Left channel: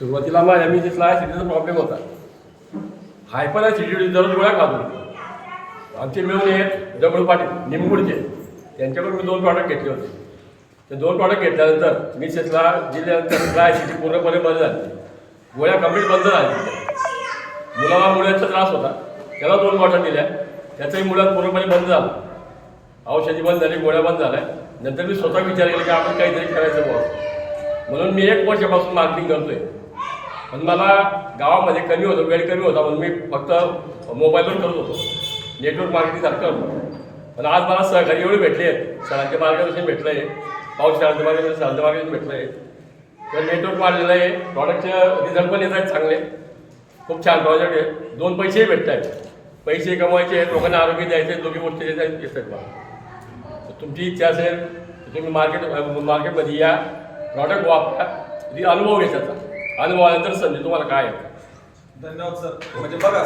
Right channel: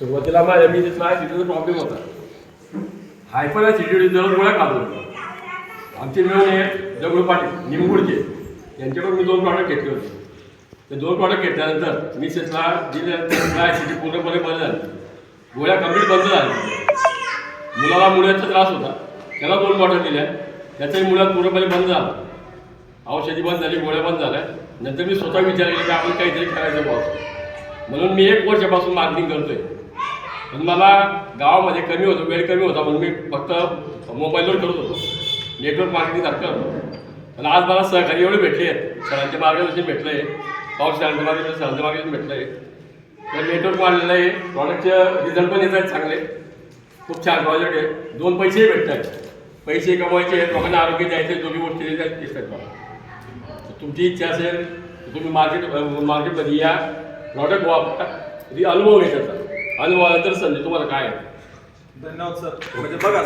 सुरुवातीला माझ्या बिझनेसला ॲसिडिटीचा प्रॉब्लेम होता. हायपर ॲसिडिटी दररोज गोळ्या खात होतो. आमचे मिळून एक दगडू पाटील निंबूडचे त्यांच्याकडून मी 2 प्रॉडक्ट घेतले होते. ते 2 प्रॉडक्ट घेतल्यानंतर मिसेसला दिल्यानंतर काय ॲसिडिटी पूर्णपणे बंद झाली. गोळ्या कंप्लीट बंद झाली. मुलाला मुलाचा त्रास होता, त्याला 2 बॉटल दिल्या, त्याचाही मुलात पूर्णपणे बंद झाला. औषधी बंद झाली, गोळ्या बंद झाल्या. नंतर मी स्वतः विचार केला की आपण काहीतरी करायचं बॉस, म्हणून मी 1 वर्षापासून मार्केटिंग करतोय. पण मला गावामध्ये कमी होतं, वेळ कमी होता, म्हणून मी फक्त मोबाईलवर करत होतो, नेटवर्क मार्केटिंग सारखं करतो. पण आज मला सहकारी एवढे भेटले आहेत, शाळांचे मार्गदर्शन भेटलं आहे, पाऊस शाळांचं मार्गदर्शन भेटलं आहे, तर नेटवर्क वाढलेलं आहे, प्रॉडक्टचे रिझल्ट पण येत आहेत चांगले. खूप छान प्रॉडक्ट आहे. 2 पैसेही भेटत आहेत. पैसे कमवायचे आहेत, लोकांना आरोग्य द्यायचं आहे, दोन्ही गोष्टी येतात बा. तुमची इच्छा असेल तुम्ही मार्केटमध्ये या, प्रॉडक्ट वापरा, अनुभव घ्यायचा. अनुभव आल्यानंतर समजेल तुम्हाला काय आहे. धन्यवाद सर. म्हणजे बघा